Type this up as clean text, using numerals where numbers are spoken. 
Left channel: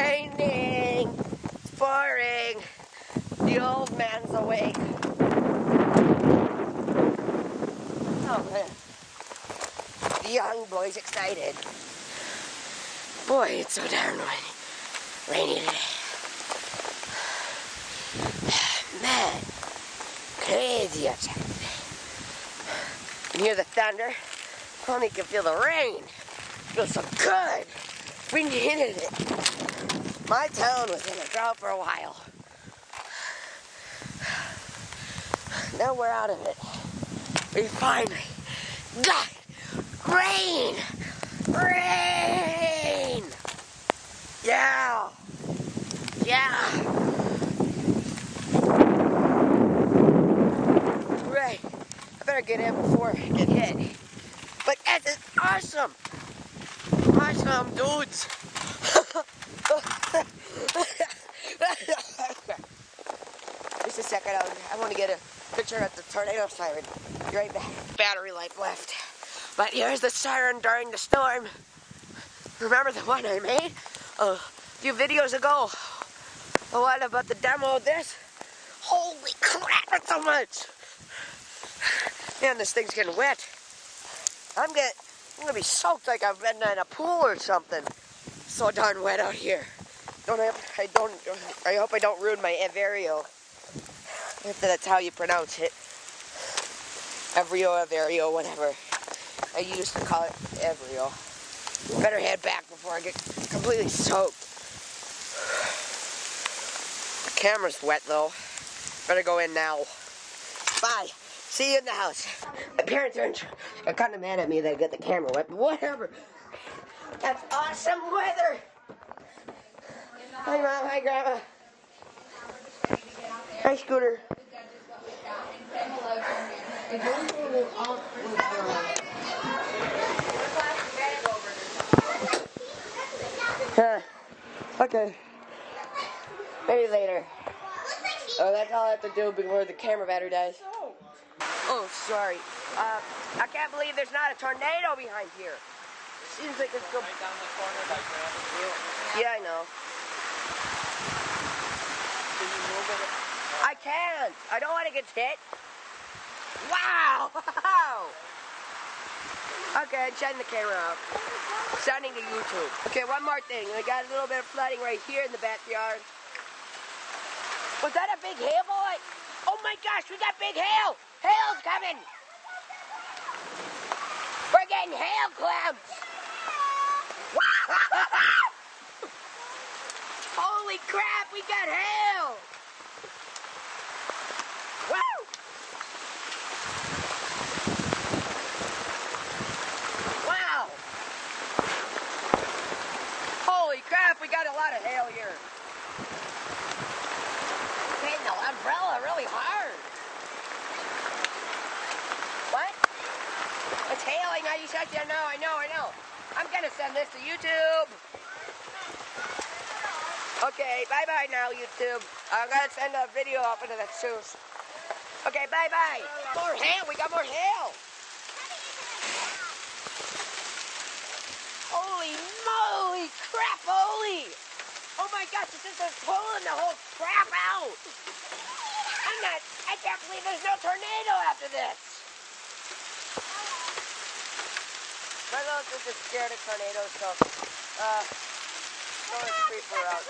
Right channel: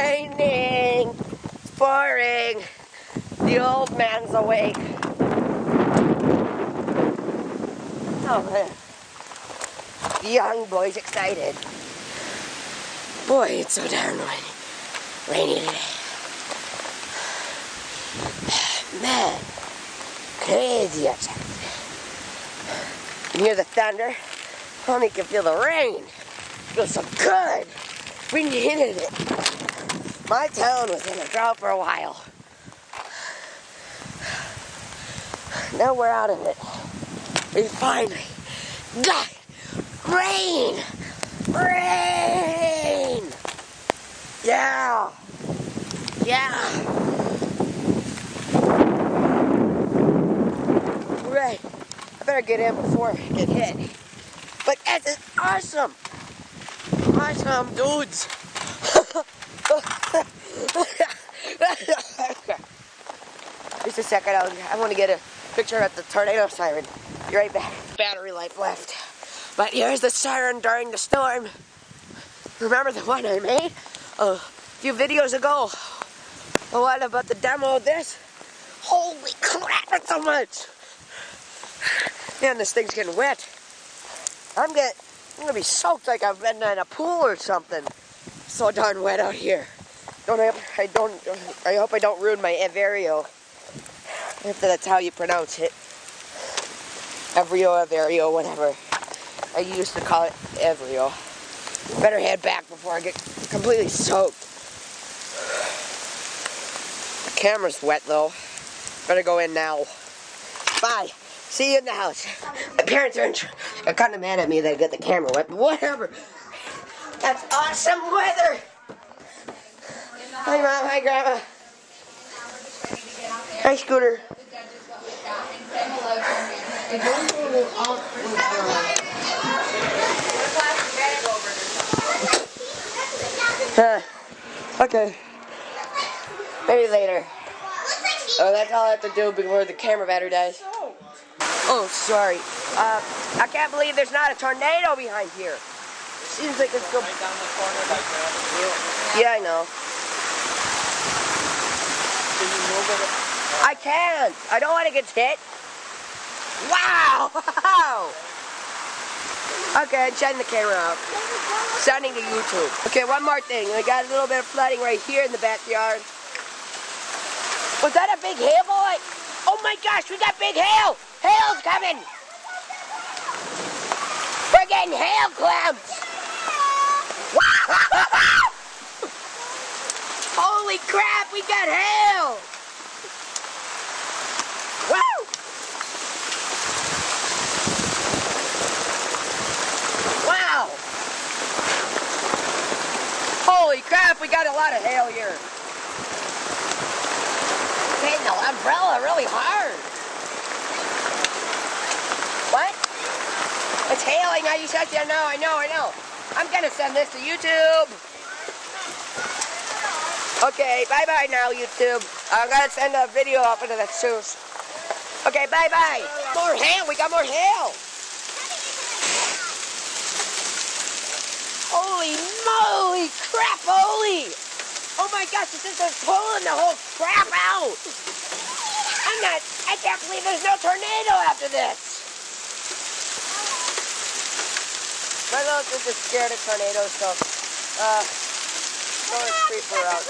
Raining. It's pouring. The old man's awake. Oh man. The young boy's excited. Boy, it's so darn rainy today. Man, crazy outside. You can hear the thunder. Only can feel the rain. It feels so good. We needed it. My town was in a drought for a while. Now we're out of it. We finally got rain! Rain! Yeah! Yeah! Right. I better get in before I get hit. But this is awesome! Awesome, dudes! Just a second, I want to get a picture at the tornado siren. Be right back. Battery life left. But here's the siren during the storm. Remember the one I made a few videos ago? The one about the demo of this? Holy crap, it's so much! Man, this thing's getting wet. I'm gonna be soaked like I've been in a pool or something. So darn wet out here. I hope I don't ruin my Averio. If that's how you pronounce it. Averio, whatever. I used to call it Averio. Better head back before I get completely soaked. The camera's wet though. Better go in now. Bye. See you in the house. My parents are kind of mad at me that I got the camera wet, but whatever. That's awesome weather. Hi, Mom. Hi, Grandma. Hi, Scooter. Okay. Maybe later. Oh, that's all I have to do before the camera battery dies. Oh, sorry. I can't believe there's not a tornado behind here. Seems like it's going right down the corner like that. Yeah, I know. Can you move it? I can't. I don't want to get hit. Wow! Okay, I'm shutting the camera out. Sending to YouTube. Okay, one more thing. I got a little bit of flooding right here in the backyard. Was that a big hail, boy? Oh my gosh, we got big hail! Hail's coming! We're getting hail clouds! Holy crap, we got hail! Woo! Wow! Holy crap, we got a lot of hail here. Hitting the umbrella really hard. What? It's hailing. I just said, I know. I'm gonna send this to YouTube. Okay, bye-bye now, YouTube. I'm gonna send a video up into the soon. Okay, bye-bye. More hail. We got more hail. Holy moly, crap, holy. Oh my gosh, this is just pulling the whole crap out. I can't believe there's no tornado after this. My little sister's scared of tornadoes, so, go and creep her out.